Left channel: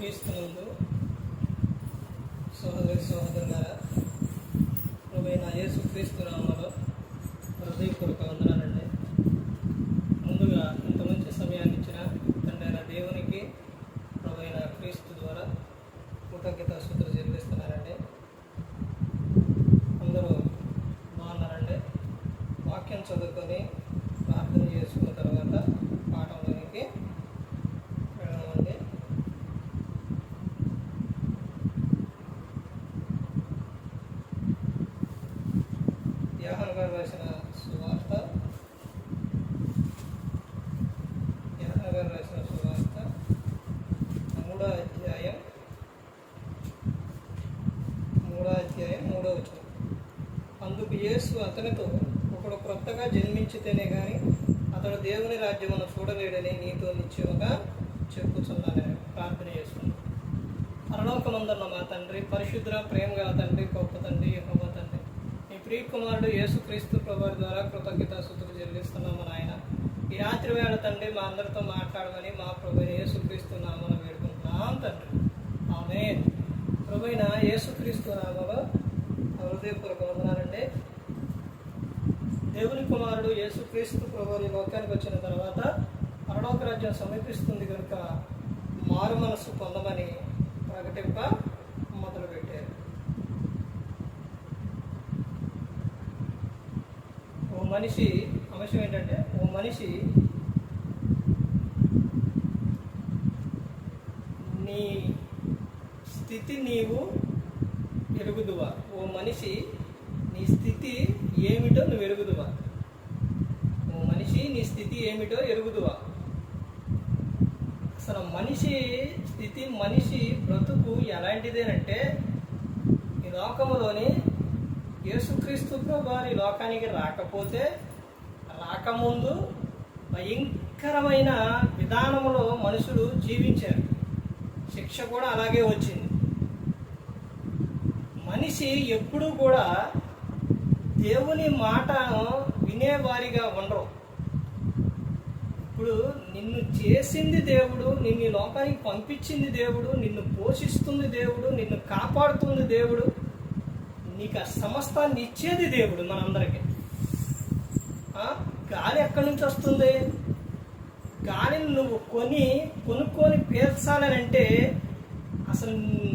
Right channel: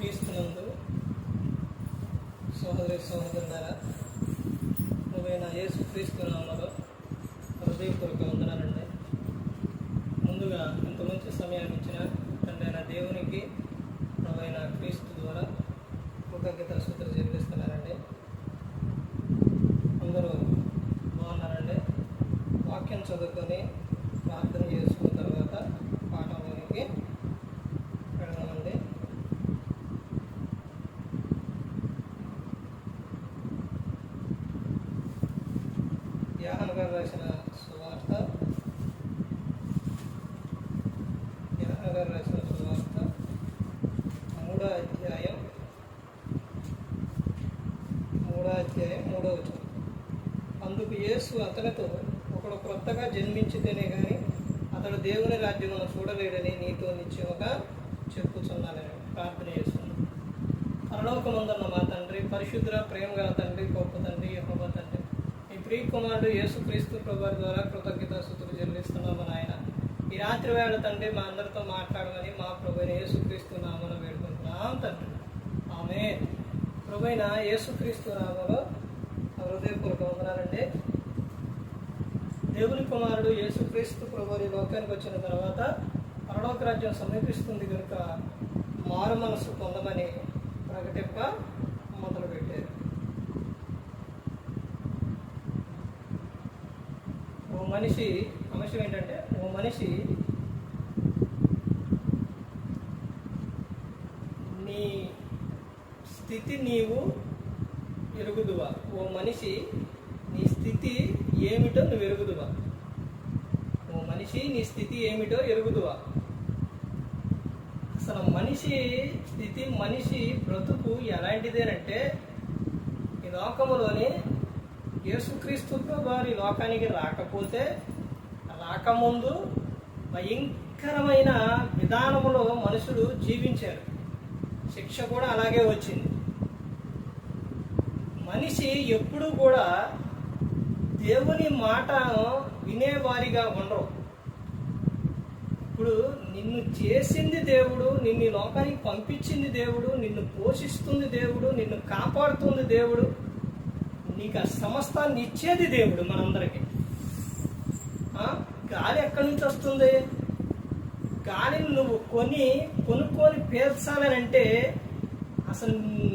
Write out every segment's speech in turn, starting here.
క్రీస్తునందు సహోదరి సోదరులారా నువ్వైన యేసు క్రీస్తు నామలో హృదయపూర్వక వందనాలండి. ముందుగా ఇంత మంచి సమయాన్ని ఇచ్చిన తండ్రైన దేవునికి నువ్వైన క్రీస్తు ద్వారా కృతజ్ఞత సూత్ర చెల్లిస్తున్నారండి అందరూ బాగున్నారండి? వాక్యం చదువుకొని ప్రార్థన చేసుకున్న తర్వాత పాఠంలోనికి యాహన్ గారు రాసిన సువార్త యాహన్ గారు రాసిన సువార్త మూడో అధ్యాయం. మూడో అధ్యాయం మూడో వచనం. అందుకు యేసు అతనితో ఒకడు క్రొత్తగా జన్మించితేనే కానీ అతడు దేవుని రాజ్యమును చూడలేడని నీతో నిత్యముగా చెప్పుచున్నానని ప్రార్థన చేస్తున్నాను. పరలోకముందన్న మా తండ్రి పరిశుద్ర ప్రేమ గల తండ్రి గొప్ప తండ్రి యహోబ తండ్రి. ప్రియ కుమారుడు యేసుక్రీస్తు ప్రభు ద్వారా కృతజ్ఞత సుతులు చెల్లిస్తున్నాము ఆయన ఈ రాత్రి వేళ తండ్రి మా అందరితో మాట్లాడమని మా ప్రభుని యేసుక్రీస్తు నామను వేడుకుంటున్నాం తండ్రి. ఆమె ప్రభుైన యేసుక్రీస్తు నామలో హృదయపూర్వక వందనాలండి. దేవుని కుమారుడు యేసుక్రీస్తు ప్రభు లోకానికి వచ్చిన తర్వాత పరలోక రాజ్యం సమీపిస్తుంది కనుక మారు మనసు పొందమని ప్రకటింప మొదలుపెట్టారు. ఓ మనిషి అంశం ఏంటంటే ఓ మనిషి నీ స్థితి నీవు ఎరుగుదువా? ఓ మనిషి నీ స్థితి ఏమిటో నువ్వు ఎరుగుదువా? ఓ మనిషి నీ స్థితి ఏమిటో ఎరుగుదువా? అసలు మనిషి స్థితి మనిషి బ్రతుకు ఎలాంటిదేనంటే ఈ లోకములోని యేసుక్రీస్తు వారి లోకానికి రాకపోతే రాకముందు భయంకరమైన విధానములో మనుషులు జీవించారు. శిక్ష కూడా అలాగే వచ్చింది. మనిషి ఎప్పుడూ కూడా దేవుని మాటను వినేవారిగా ఉండరు. ఇప్పుడు నిన్ను చేసింది దేవుడు నిన్ను ఈ లోకానికి పంపించింది దేవుడు నిన్ను పోషిస్తుంది దేవుడు నిన్ను కాపాడుతుంది దేవుడు నీకు ఆ సమస్తాన్ని ఇచ్చేది దేవుడు మనందరికీ. గాలి ఎక్కడి నుంచి వస్తుంది? గాలిని నువ్వు కొని కొనుక్కొని పేర్చాలనంటే అసలు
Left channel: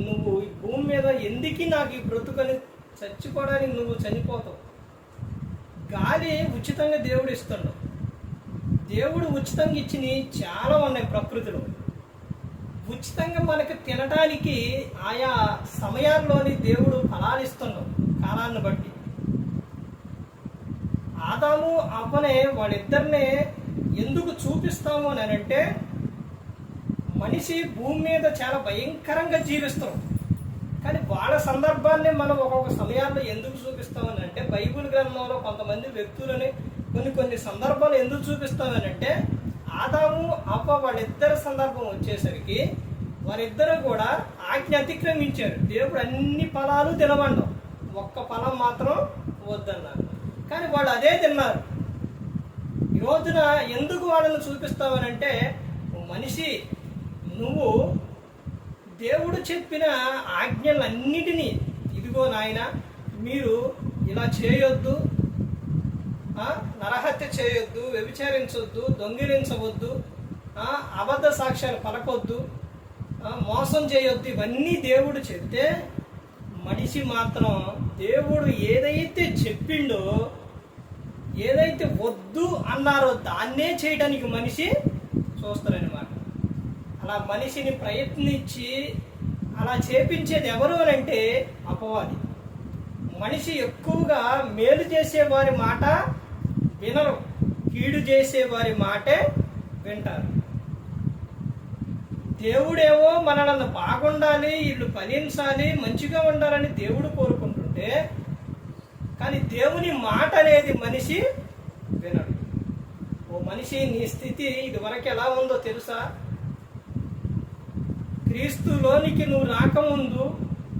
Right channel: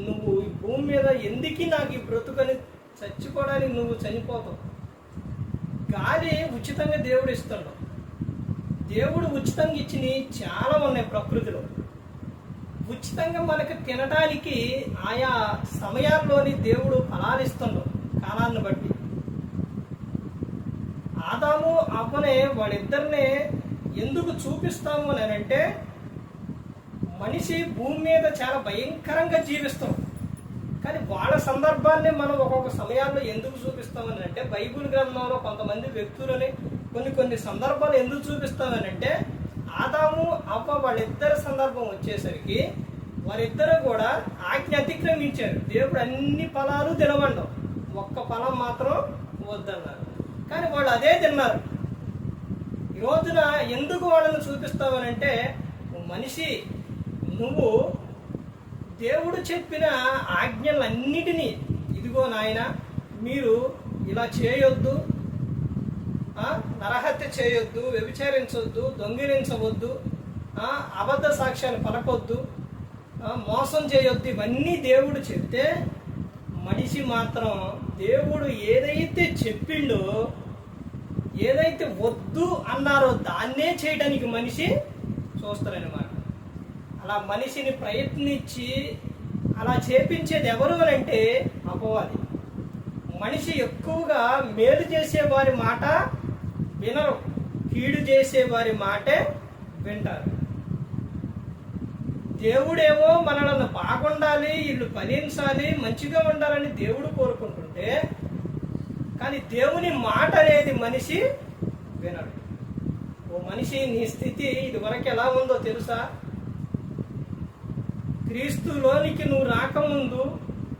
నువ్వు ఈ భూమి మీద ఎందుకు నాకు ఈ బ్రతుకని చచ్చిపోవడానికి నువ్వు చనిపోతావు? గాలి ఉచితంగా దేవుడు ఇస్తుండవు దేవుడు ఉచితంగా ఇచ్చినవి చాలా ఉన్నాయి ప్రకృతిలో. ఉచితంగా మనకు తినడానికి ఆయా సమయాల్లోని దేవుడు ఫలాలు ఇస్తుండవు కాలాన్ని బట్టి. ఆదాము అవ్వనే వాళ్ళిద్దరినే ఎందుకు చూపిస్తాము అని అంటే మనిషి భూమి మీద చాలా భయంకరంగా జీవిస్తారు కానీ వాళ్ళ సందర్భాన్ని మనం ఒక్కొక్క సమయాల్లో ఎందుకు చూపిస్తామని అంటే బైబిల్ గ్రంథంలో కొంతమంది వ్యక్తులని కొన్ని కొన్ని సందర్భాలు ఎందుకు చూపిస్తామని అంటే ఆదాము అవ్వ వాళ్ళిద్దరి సందర్భం వచ్చేసరికి వారిద్దరు కూడా ఆజ్ఞ అతిక్రమించారు. దేవుడు అన్ని ఫలాలు తినవండం ఒక్క ఫలం మాత్రం వద్దన్నారు. కానీ వాళ్ళు అదే తిన్నారు. ఈ రోజున ఎందుకు వాళ్ళని చూపిస్తావనంటే మనిషి నువ్వు దేవుడు చెప్పిన ఆజ్ఞలన్నిటినీ ఇదిగో నాయన మీరు ఇలా చేయొద్దు నరహత్య చేయొద్దు వ్యభిచారించవద్దు దొంగిలించవద్దు అబద్ధ సాక్ష్యాలు పలకొద్దు మోసం చేయొద్దు ఇవన్నీ దేవుడు చెప్తే మనిషి మాత్రం దేవుడు ఏదైతే చెప్పిండో ఏదైతే వద్దు అన్నారో దాన్నే చేయడానికి మనిషి చూస్తారనమాట అలా మనిషిని ప్రయత్నించి అలా చేపించేది ఎవరు అని అంటే అపవాది. మనిషి ఎక్కువగా మేలు చేసే వారి మాట వినరు కీడు చేసే వారి మాటే వింటారు. దేవుడేమో మనల్ని బాగుండాలి వీళ్ళు ఫలించాలి మంచిగా ఉండాలని దేవుడు కోరుకుంటుంటే కానీ దేవుని మాట అనేది మనిషి వినడు. ఓ మనిషి నీ స్థితి ఇదివరకు ఎలా ఉందో తెలుసా? క్రీస్తులోనికి నువ్వు రాకముందు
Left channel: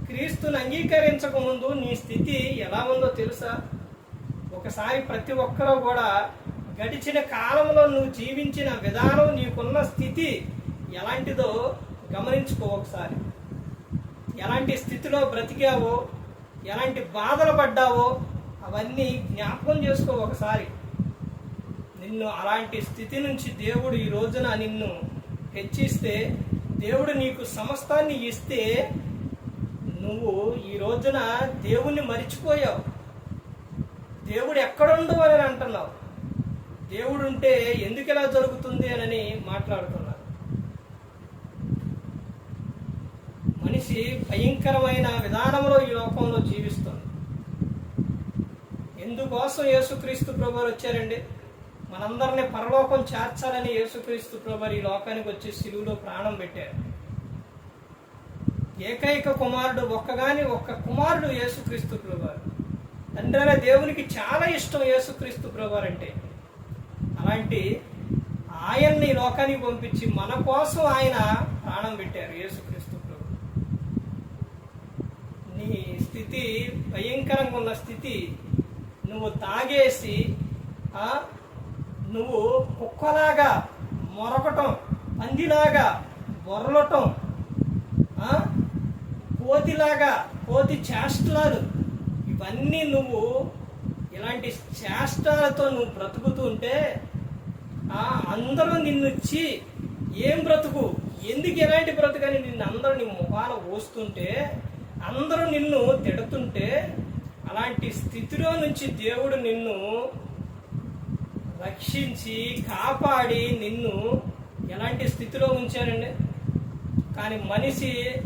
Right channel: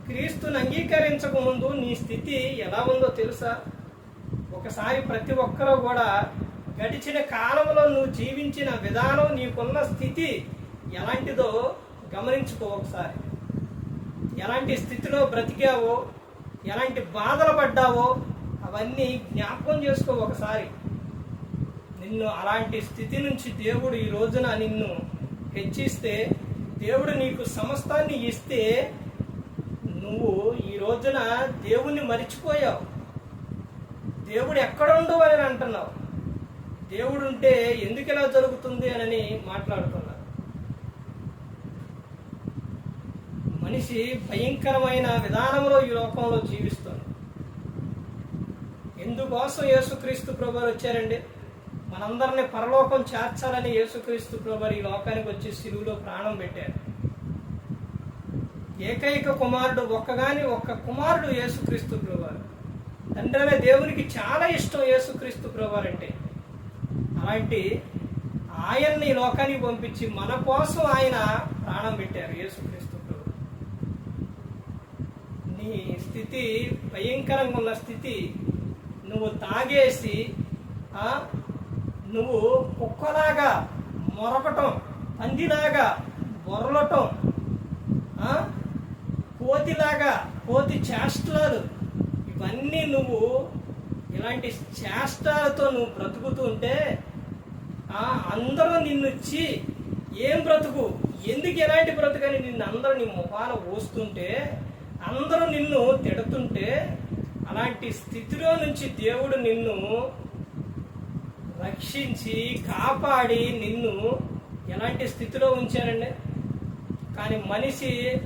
క్రీస్తుని అంగీకరించకముందు నీ స్థితి ఎలా ఉందో తెలుసా? ఒకసారి ప్రతి ఒక్కరూ కూడా గడిచిన కాలంలో నువ్వు జీవించిన విధానం నీకున్న స్థితి ఎలాంటిదో గమనించుకో ఒకసారి. ఎలాంటి స్థితిలో బ్రతికావో ఎలాంటి బాధలు పడ్డావో అవన్నీ జ్ఞాపకం చేసుకో ఒకసారి. నిన్ను అలాంటి స్థితి నుంచి దేవుడు ఈ రోజున నిన్ను హెచ్చిస్తే దేవుడు నీకు సమస్తాన్ని ఇస్తే నువ్వు ఈ రోజున దేవుణ్ణి మరిచిపోయావు. దేవుడు ఎక్కడుండు అని అంటున్నావు. దేవుడు ఉంటే ఎందుకు ఇలా జరుగుతుంది అని మాట్లాడుతున్నారు మనిషి భయంకరమైన విధానంలో ఈ లోకంలో జీవిస్తుంది. ఎందుకోసం యేసుక్రీస్తు ప్రభువారు వచ్చారండి? మనందరిని పరలోకం చేర్చాలని యేసుక్రీస్తు ప్రభు ఈ లోకానికి వచ్చి సిలువులో ప్రాణం పెట్టారు. ఏకైక కుమారుడు ఒక్కగాని ఒక్క కుమారుడు యేసుక్రీస్తు ప్రభు తండ్రి అనే దేవునికి చాలా ఇష్టం యేసుక్రీస్తు ప్రభు అంటే అలాంటి ఆయన్ని ఈ లోకానికి పంపించి మన కోసం ఆయన ప్రాణం పెట్టారు యేసుక్రీస్తు స్థితి భయంకరంగా ఉన్న స్థితి. నువ్వు తాగేసి నువ్వు కుక్కలాగా మొరకటం పందిలాగా బొరలటం కోతిలాగా కోతి చేష్టలాలు ఇవన్నీ నువ్వు ఇలాంటి చేష్టాలతో నువ్వు బ్రతుకుతూ ఉంటే అందరూ నిన్ను ఇచ్చి ఏం బ్రతుకు? ఎందుకు ఎలాంటి బ్రతుకని నిన్ను అందరూ నీ ముఖాన పోస్తుంటే అందరూ నిన్ను తిడుతుంటే అలాంటి స్థితిలో నుంచి దేవుడు నిన్ను రక్షించి కాపాడి నిన్ను ఎలాంటి స్థితిలో ఉంచారండి? కానీ మనిషి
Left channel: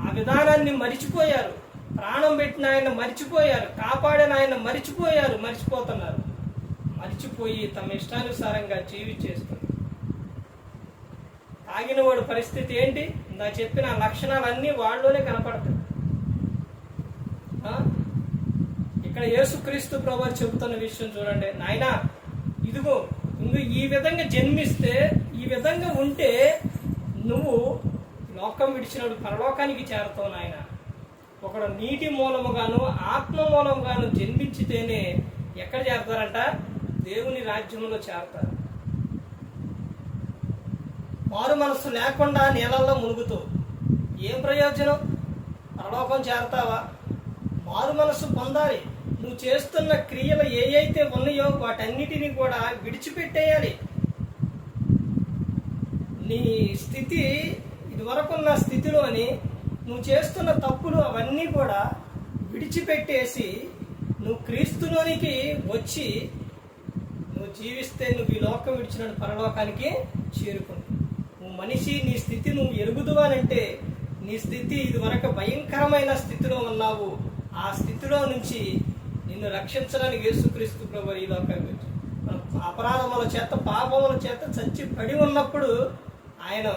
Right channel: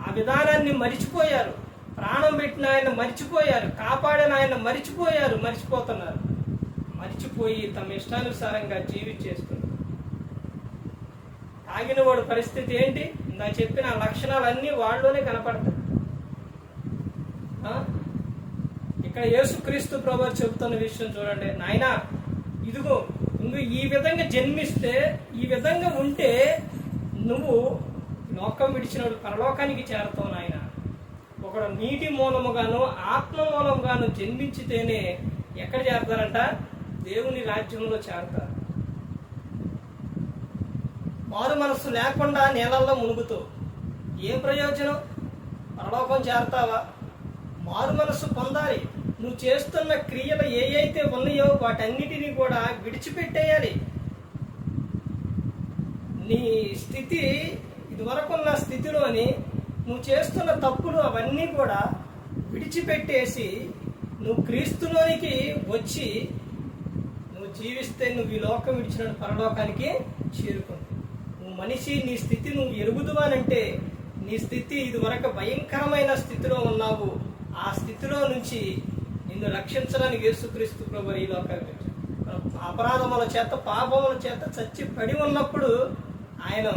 ఆ విధానాన్ని మరిచిపోయారు. ప్రాణం పెట్టిన ఆయన మరిచిపోయారు. కాపాడిన ఆయన మరిచిపోయారు. మరిచిపోతున్నారు. మరిచిపోయి తమ ఇష్టానుసారంగా జీవించేస్తున్నారు. తాగిన వాడు పరిస్థితి ఏంటి? నా చెప్పిన లక్షణాలన్నీ వాళ్ళలోనే కనపడతాయి. ఇక్కడ యేసుక్రీస్తు ప్రభు చెబుతున్న విషయం చూడండి. నాయన ఇదిగో నువ్వు ఈ విధంగా జన్మిస్తే ఈ విధంగా ఉంటే నువ్వు లోకం విడిచినప్పుడు పరలోకానికి చేరతావు నాయన. ఒకడు నీటి మూలముగాను ఆత్మ మూలముగాను జన్మించితేనే ఎక్కడ చేరతారంట? దేవుని రాజ్యంలో చేరతారు. మారు మనస్సు లేకుండా నీళ్ళల్లో మునుగుతూ. ఏం ప్రయోజనం? పరలోకం చేరతావా? మారు మనస్సు పొందాలి. నువ్వు చేస్తున్న క్రియలు ఏ అయితే ఉన్నాయో వాటన్నిటినీ కూడా విడిచిపెట్టేయాలి. నీ స్థితి ఇదివరకున్న స్థితిలోని నువ్వు చేస్తున్న తప్పులు అవన్నీ కూడా విడిచిపెట్టేసి నువ్వు క్రీస్తులోనికి వచ్చి నువ్వు జీవిస్తే నువ్వు ఈ లోకం విడిచిన పరలోకానికి చేరుకుంటావు. మనిషి నీ స్థితి నువ్వు ఎరుగుదువానంటే నీ స్థితి ఇదివరకు భయంకరమైన స్థితిలో ఉన్నావు. ఆ స్థితిలో నుంచి నిన్ను రక్షించడానికి యేసుక్రీస్తు ప్రభు ఈ లోకానికి వచ్చాడు. అపరాధముల చేత పాపముల చేత చచ్చి పడి ఉన్నప్పుడు ఆయన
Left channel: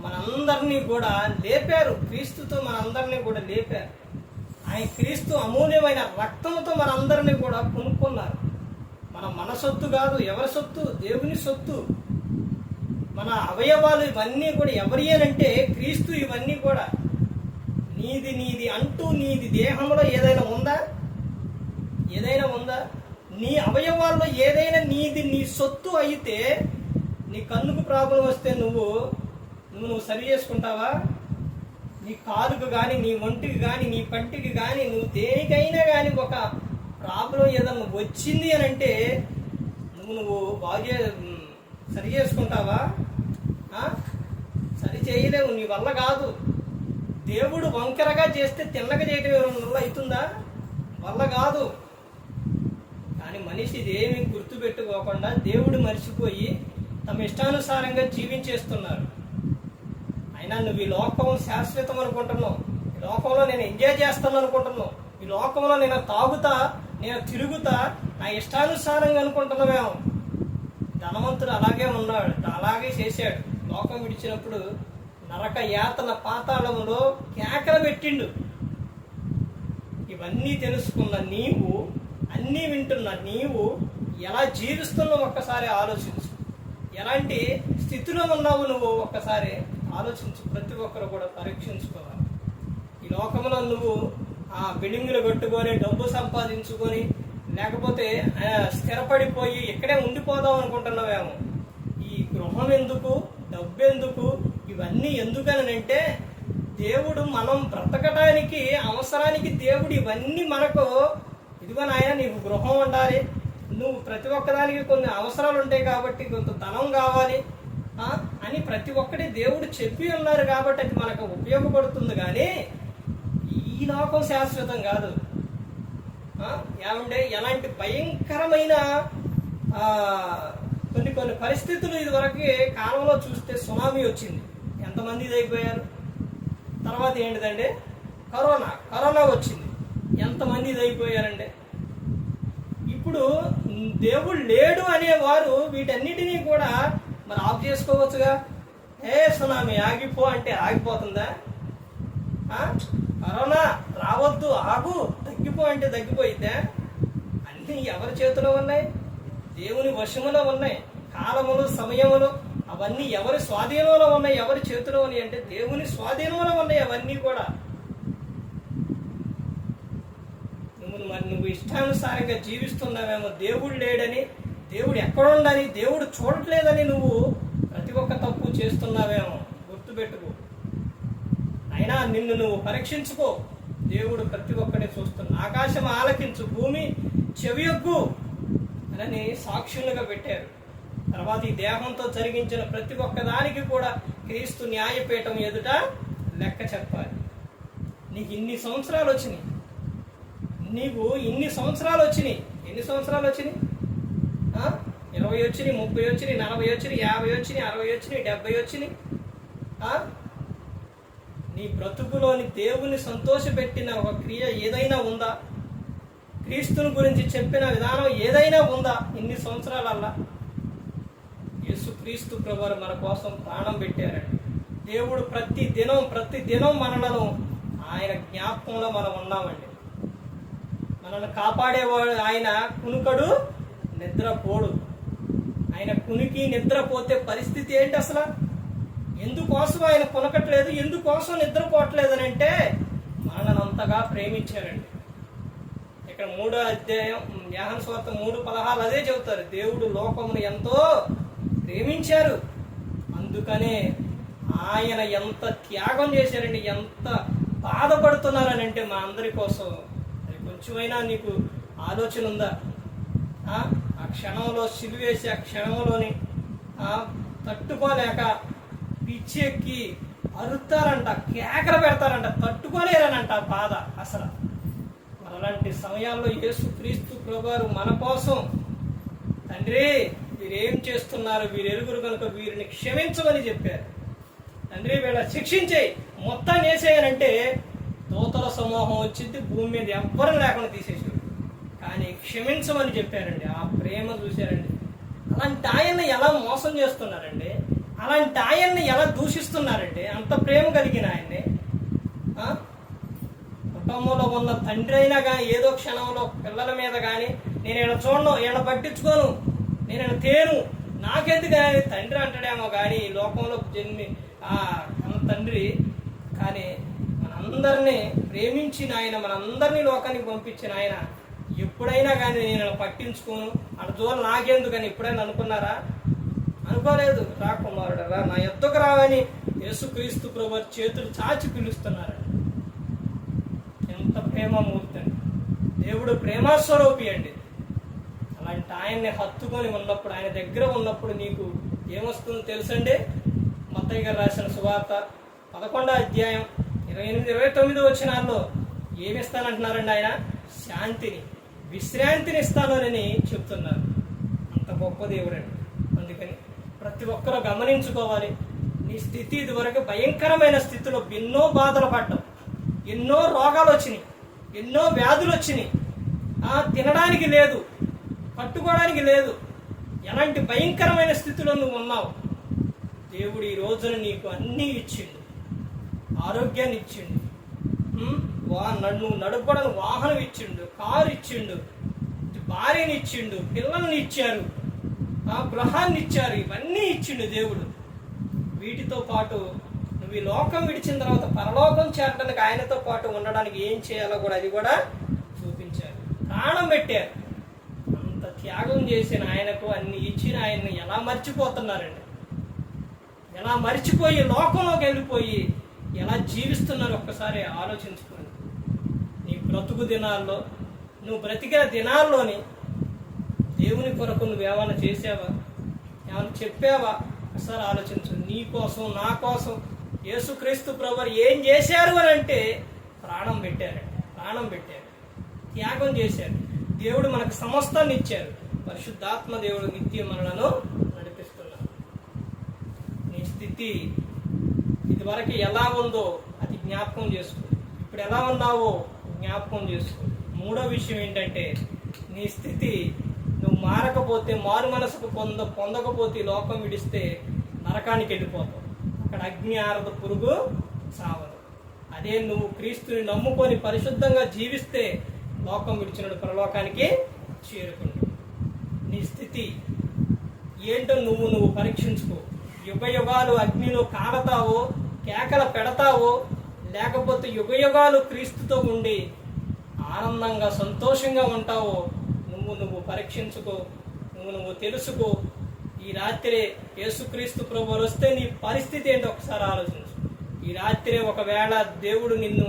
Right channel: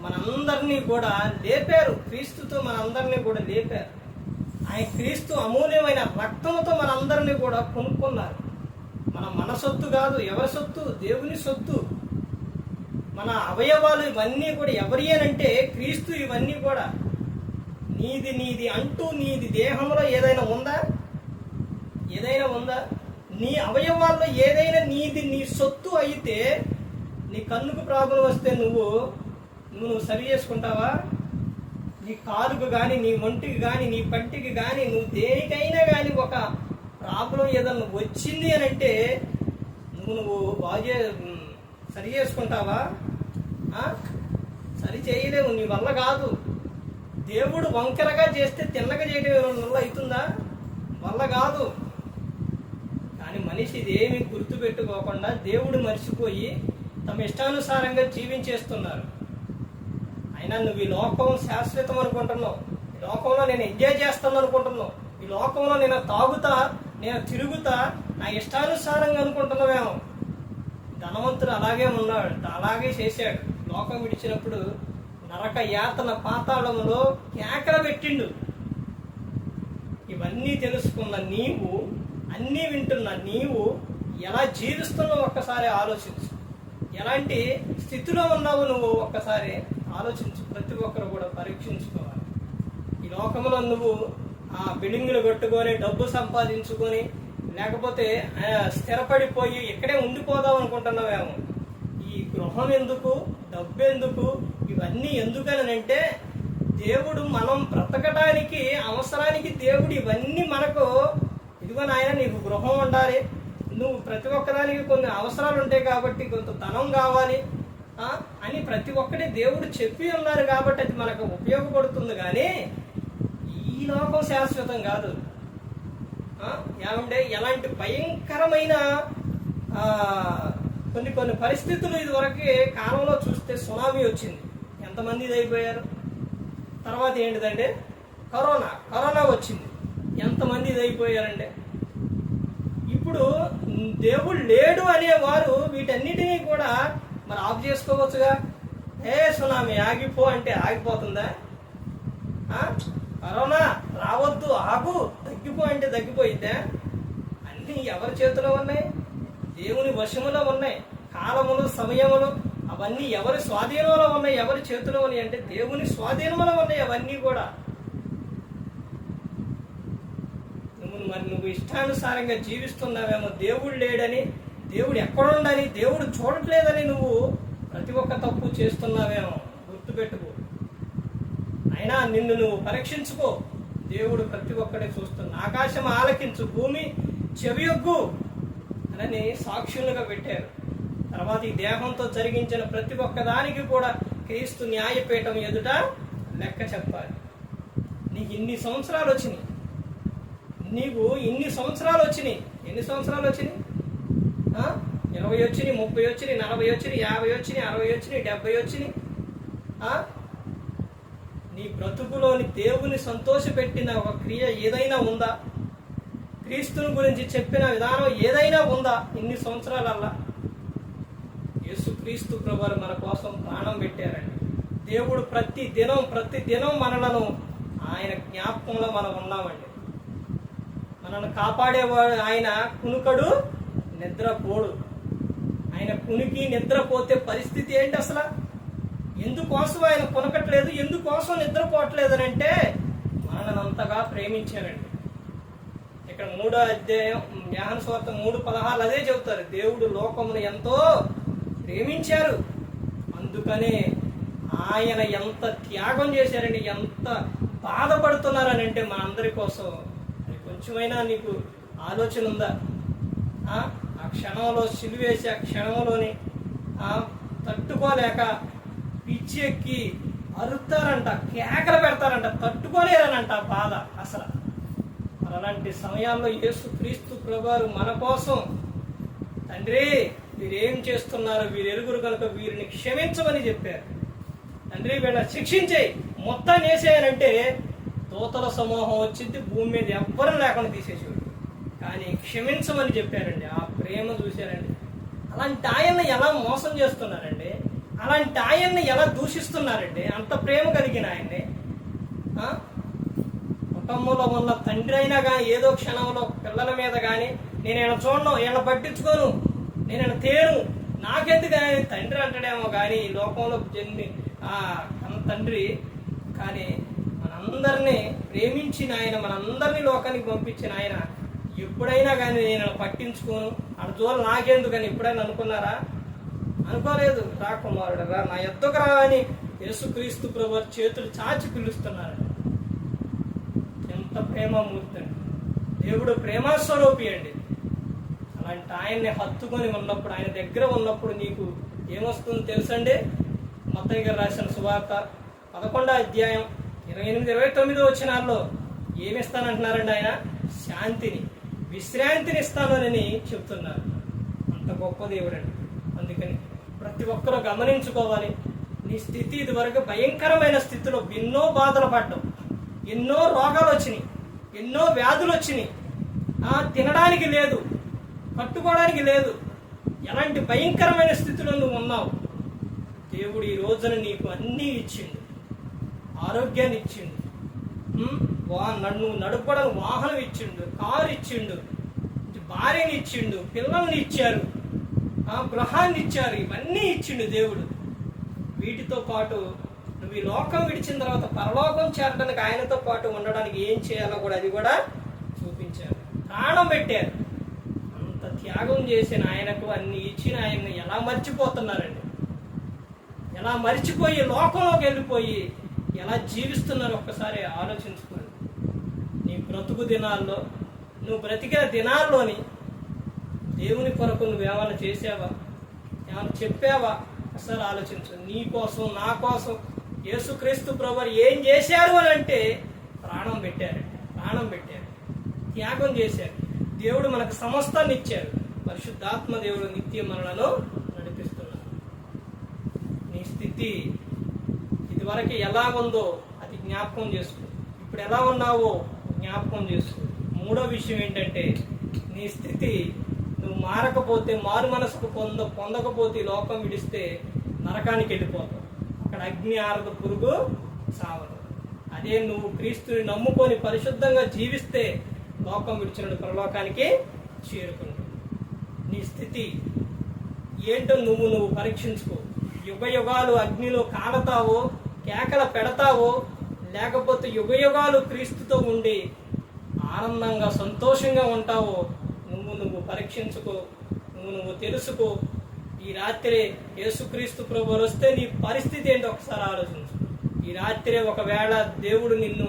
మనందరినీ కూడా లేపారు. క్రీస్తుతో మనందరినీ కూడా లేపారు. ఆయన క్రీస్తు అమూల్యమైన రక్తముతో మనందరినీ కూడా కొనుక్కున్నారు. మన మన సొత్తు కాదు ఎవరి సొత్తు? దేవుని సొత్తు. మన అవయవాలు ఇవన్నీ కూడా ఎవరి అంటే క్రీస్తు ఇవన్నీ కూడా. నీది నీది అంటూ నీది దేహంలో ఏదైనా ఉందా? ఏదైనా ఉందా? నీ అవయవాల్లో ఏదైనా నీది నీ సొత్తు అయితే నీ కన్నుకు ప్రాబ్లం వస్తే నువ్వు నువ్వు నువ్వు సరి చేసుకుంటావా? నీ కాలుకు కానీ నీ ఒంటికి కానీ నీ పంటికి కానీ నువ్వు దేనికైనా కానీ ఒక ప్రాబ్లం ఏదన్నా వచ్చింది అని అంటే నువ్వు నువ్వు బాగా సరి చేసుకుంటావా? సరి చేయలేవు నీ వల్ల కాదు. దేవుడు వంకరగా చేస్తే తిన్నగా చేయడం ఎవరైనా వల్ల అవుతుందా? వల్ల కాదు. కానీ మనిషి ఏమి గుర్తుపెట్టుకోకుండా దేవుడు మర్చిపోయి తమ ఇష్టానుసారంగా జీవించేస్తున్నారు. అయినా నువ్వు ఈ లోకం శాశ్వతం అనుకుంటున్నావు. ఈ లోకంలో నేను ఎంజాయ్ చేస్తాను అనుకుంటున్నావు. ఈ లోకంలో నేను తాగుతా నేను తిరుగుతా నా ఇష్టానుసారంగా అనుకుంటున్నావేమో. ధనవంతుడు అలాగే ఉన్నాడు అలాగే చేశాడు. లోకం విడిచినప్పుడు నరక యాతన పాతాళములో కేకల పెట్టిండు. ఇవన్నీ తెలుసుకున్న నీవు అన్నీ వింటున్న నీవు ఎలా జీవిస్తున్నావు ఒక్కసారి ఆలోచించు. ఎలాంటి స్థితిలో ఉన్నావు నువ్వు ఒక్కసారి ఆలోచించు. ప్రతి ఒక్కరు కూడా పరీక్షించుకోవాలి. ఈ లోకంలో నువ్వు ఆ బిల్డింగులు కట్టుకొని డబ్బు సంపాదించుకొని లేకపోతే స్థిరపడిపోయి ఇక్కడే ఉండిపోదాం అనుకుంటున్నావేమో. ఈ గృహం ఎందుకు? డబ్బెందుకు ఇవన్నీ ఎందుకనంటే దేవుడు మనం బ్రతకడానికి అవసరానికి దేవుడు ఇవన్నీ మనకు ఇదిగో నాయన నీకు గృహం ఉండాలి. నువ్వు ప్రతి ఒక్కదానికి కొన్ని అవసరాలు ఉంటాయి కాబట్టి కొంత ధనం కావాలి. అని ప్రతి ఒక్కటి దేవుడు చెప్పి ఉన్నారు కాబట్టి అది మనకు ఉపయోగపడుతుంది కానీ ఈ లోకం శాశ్వతం కాదు. ఏమంటే ఎలాంటి భయంకరమైన కొన్ని కొన్ని పరిస్థితులు ఇదివరకు కాలంలో చూస్తే సునామీ వచ్చింది. ఎంతమంది ఇది అయిపోయారు తర్వాత ఏంటిదంటే కరోనా కరోనా వచ్చింది. ఎంతమంది ఇది ఇప్పుడు దేవుడు లేడు అనేవారు వీటన్నిటినీ కూడా మరి ఆఫ్ చేసుకోవచ్చుగా? ఏ సునామీ ఆగిపో అంటే ఆగిపోతుందా? కరోనా రావద్దు ఆగు తగ్గిపో అంటే తగ్గిపోయిద్దా? అన్నీ ఎవరి చేతిలో ఉన్నాయి? దేవుని వశములో ఉన్నాయి. కాలములు సమయములు అవన్నీ ఎవరి స్వాధీనంలో ఉన్నాయి ఎవరి చేతిలో ఉన్నాయి అంటే దేవుని స్వాధీనంలో ఉన్నాయి అవన్నీ కూడా. నువ్వు మరి నువ్వు ఇష్టానుసారంగా జీవిస్తున్నావేమో దేవుడు లేడని దేవుడు ఎక్కడుండని దేవుడు చూడట్లేదని నువ్వు ప్రతి ఒక్క తప్పు చేస్తున్నావేమో. గుర్తుపెట్టుకో. అయినా నిన్ను నువ్వు పరీక్షించుకో. దేవుడు ప్రతి ఒక్కడే చూస్తున్నా ఆకాశం ఆలకించు భూమి చెవియొగ్గు అని సాక్షులుగా పెట్టారు. తర్వాత ఈ దేహంతో జరిగించిన ప్రతి ఒక్కదానికి కూడా క్రీస్తు న్యాయపీఠం ఎదుట లెక్క చెప్పాలి. నీకు ఇన్ని సంవత్సరాలు వచ్చినాయి. నీకు ఇన్ని సంవత్సరాలు వచ్చినాయి. ఎన్ని సంవత్సరాలు వచ్చినాయి? ఇరవై వచ్చినాయి ముప్పై వచ్చినాయి నలభై వచ్చినాయి యాభై వచ్చినాయి అరవై వచ్చినాయి డెబ్బై వచ్చినాయి. నీ బ్రతుకులోని దేవుని సంతోషపెట్టిన ఒక క్రియ ఏదైనా ఉందా? క్రీస్తుని గురించి చెప్పిన విధానం ఏదైనా ఉందా? ఇన్ని సంవత్సరాలల్లా? యేసుక్రీస్తు ప్రభువారు మన కోసం ప్రాణం పెట్టారండి. దేవుడు ప్రతి దినం ప్రతి దినం మనలను ఆయన జ్ఞాపకంలో మనం ఉన్నామండి. మనల్ని కాపాడేవాడు ఆయన కునుకడు నిద్రపోడు. ఆయన కునికి నిద్రపోతే పరిస్థితి ఏంటి అసలు? ఎందుకోసం ఆయన కొనకట్లేదు ఎందుకోసం నిద్రపోవట్లేదు అని అంటే మనల్ని అంతగా ప్రేమించారండి. ఇక్కడ మూడో అధ్యాయం జ్ఞాన స్వార్థం మూడు పదహాలు అదే చెబుతారు. దేవుడు లోకమును ఎంతో ప్రేమించారు. అందుకనే ఆయన ఎంత త్యాగం చేశారండి ఎంత బాధపడుతున్నారని అంటే మా అందరి కోసం. అది కొంచెమైనా నీకు ఆలోచన ఉందా? ఆ? క్షణంలో సిలువేసి ఆ క్షణంలోని ఆ తట్టుకోలేక పిచ్చి ఎక్కి అరుతారంట కేకలు పెడతారంట తట్టుకోలేరనంట ఆ బాధ అసలు. మరి అలాంటి సమయాల్లో యేసు క్రీస్తు ప్రభువారు మన కోసం తండ్రి వీరేం చేస్తున్నారు వీరు కనుక వీరిని క్షమించమని చెప్పారు. తండ్రి వీళ్ళ శిక్షించేయి మొత్తాన్ని వేసేయనంటే దూతల సమూహం వచ్చింది భూమి మీద ఎవ్వరం లేకుండా తీసేసాడు కానీ క్షమించమని చెప్పారండి. ఆ ప్రేమ చూశారండి. అలాంటి ఆయన్ని ఎలా మోసం చేస్తున్నారండి? అలాంటి ఆయన్ని ఎలా దూషిస్తున్నారండి? అంత ప్రేమ కలిగిన ఆయన్ని కుటుంబంలో ఉన్న తండ్రి అయినా కానీ ఏదో క్షణంలో పిల్లల మీద కానీ నేను ఇలా చూడను వీళ్ళ పట్టించుకోను నేను ఇలా తేను. నాకెందుకు తండ్రి అంటాడేమో కానీ ఈ లోకంలో జన్మి ఆ తండ్రి. కానీ మనందరినీ ప్రేమించిన ఆయన మనందరినీ లోకానికి పంపించిన ఆయన ఎప్పుడైనా కానీ నేను పట్టించుకోను. అటు దూరం నాకెందుకని ఎప్పుడైనా అనుకున్నారా? అనుకోలేదు. రా కుమారుడు రా. నా ఎత్తుకు రావని యేసుక్రీస్తు ప్రభు చేతులు చాచి పిలుస్తున్నారు ఎంత ప్రేమమూర్తి అండి. దేవుడు ప్రేమస్వరూపి అండి. అలాంటి ఆయన్ని హత్తుకొని ఉన్నప్పుడు ఆయన దగ్గర ఉన్నప్పుడు నీకు ఏమొస్తుందో తెలుసండి? మత్తయ్య గారు రాసిన సువార్త పదకొండో అధ్యాయం ఇరవై ఎనిమిది ఇరవై తొమ్మిది వచ్చినాల్లో ఏమిస్తానంటున్నారండి ఆయన? శాంతిని విశ్రాంతిని ఇస్తానని చెప్తున్నారు. అంత గొప్ప దేవుడండి. అందుకని ప్రతి ఒక్కరూ గమనించుకోవాలి. నీ స్థితి ఇదివరకు భయంకరమైన స్థితిలో ఎన్నో బాధలు పడ్డావు. ఎన్నో రోగాలు వచ్చినాయి. ఎన్నో వ్యాధులు వచ్చినాయి. తినడానికి లేదు. పట్టుకోవడానికి లేదు. ఎలాంటి భయంకరమైన స్థితిలో నువ్వు ఉన్నావు? దేవుడు ఈ రోజున నీకు అన్నీ ఇచ్చిండు. ఆరోగ్యాన్ని ఇచ్చిండు. వా నన్ను నడపడానికి వాహనం ఇచ్చిండు కారు ఇచ్చిండు భార్యని ఇచ్చిండు పిల్లల్ని ఇచ్చారు. ఆ గృహాన్ని ఇచ్చారు. ఇవన్నీ ఇచ్చిండు దేవుడు. వీటితో పాటు నువ్వు ఈ లోకం విడిచిన తర్వాత పరలోకం చేరడానికి ఆయనతో పాటు ఉండడానికి ఏం చేయాలో కూడా అది కూడా చూపించారు. ప్రాణం పెట్టారు. త్యాగం చేసిన ఆయనకు అన్ని ఇచ్చిన ఆయన్ని ఎలా మర్చిపోతున్నారండి? ఎలా మర్చిపోయి లోకంలోకి వెళ్ళిపోయి ఎలా జీవిస్తున్నారు ఒక్కసారి ఆలోచించుకోండి. నీ బ్రతుకు దినాల్లో నువ్వు బ్రతికిన దినాల్లోని దేవుని కొరకు నువ్వేమైనా చేసావా ఏమైనా చెప్పావా? ఒకసారి ఆలోచించు. నీ కోసం నా కోసం యేసుక్రీస్తు ప్రభు ఏం చేశారు అని అంటే ప్రాణం పెట్టారండి. ప్రాణం పెట్టారు. త్యాగం చేశారు. దేవుడు మనకు సమస్తాన్ని ఇచ్చారు. పరిశుద్ధాత్మ దేవుడు నిత్య మనలను నడిపిస్తున్నారు. నీ స్థితి ఇదివరకు ఎలా ఉందో అది జ్ఞాపకం చేసుకో. ఇప్పుడు ఎలా ఉన్నావో జ్ఞాపకం చేసుకో. మూడో విషయం ఏంటంటే నీ స్థితి నువ్వు మారకపోతే మారు మనసుకు పొంద పొందకపోతే లోకం విడిస్తే నరకానికి వెళ్ళిపోతావు. అక్కడ అగ్ని ఆరద పురుగు చావదు. అదే నువ్వు క్రీస్తుని నమ్ముకొని పరిశుద్ధంగా జీవిస్తే లోకం విడిచినడు పరలోకానికి చేరుకున్నాడు నీ స్థితి ఏంటో నువ్వు నువ్వు పరీక్షించుకో. యుగ యుగాలు అగ్నిలో కాడతావో కేకల పెడతావో లేకపోతే యుగ యుగాలు క్రీస్తుతో ఉండి ఆనందంగా సంతోషంగా ఉంటావో నువ్వు నువ్వు పరీక్షించుకో నువ్వు నువ్వు తెలుసుకో. ఈ రాత్రి యేసుక్రీస్తు ప్రభువులు వస్తే నీ పరిస్థితి ఏంటో ఒకసారి ఆలోచించు ఈ రాత్రి ఒకవేళ దేవుడు నిన్ను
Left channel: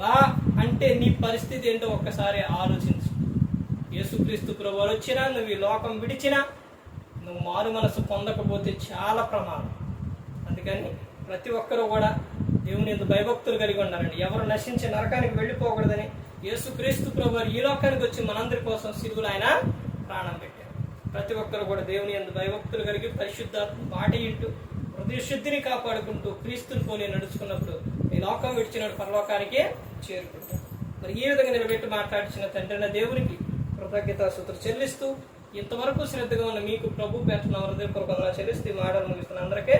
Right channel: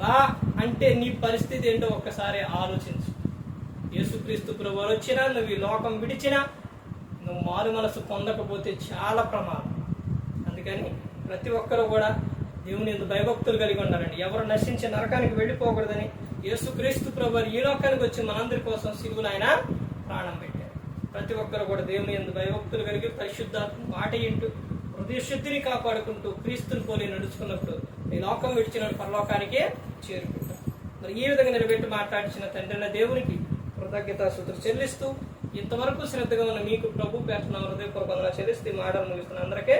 రా అంటే నీ పరిస్థితి ఏంటో ఒక్కసారి ఆలోచించు యేసుక్రీస్తు ప్రభువారు వచ్చినా నువ్వు ఈ లోకం విడిచినా నువ్వు మారు మనసు పొందకపోతే చాలా ప్రమాదం. అందుకని ప్రతి ఒక్కరూ కూడా దేవుని ఎందుకు భయభక్తులు కలిగి ఉండాలండి. ఎవరు నశించి నరకానికి వెళ్ళిపోకూడదని యేసుక్రీస్తు ప్రభు ఈ లోకానికి వచ్చి మనందరి కోసం సిరుగులు ఆయన ప్రాణం పెట్టారు. ప్రతి ఒక్కరు కూడా దేవుని ఎందు భయభక్తులు కలిగి పరిశుద్ధాత్మ మాట ఇంటూ హృదయ శుద్ధిని కాపాడుకుంటూ క్రీస్తుని పోలి నడుచుకున్నప్పుడు ఈ లోకం విడిచినప్పుడు పరలోకానికే చేరుకుంటాం. మరి ఈ విధంగా నిలబెట్టి మాట్లాడిచిన తండ్రిన దేవునికి కృతజ్ఞత సూత్రులు చెల్లిస్తూ ఇంతవరకు శ్రద్ధగా ఉన్న మీకు ప్రభు పేరున హృదయపూర్వకంగా చెల్లిస్తూ ఈ మాటలు ముగిస్తున్న అందరికీ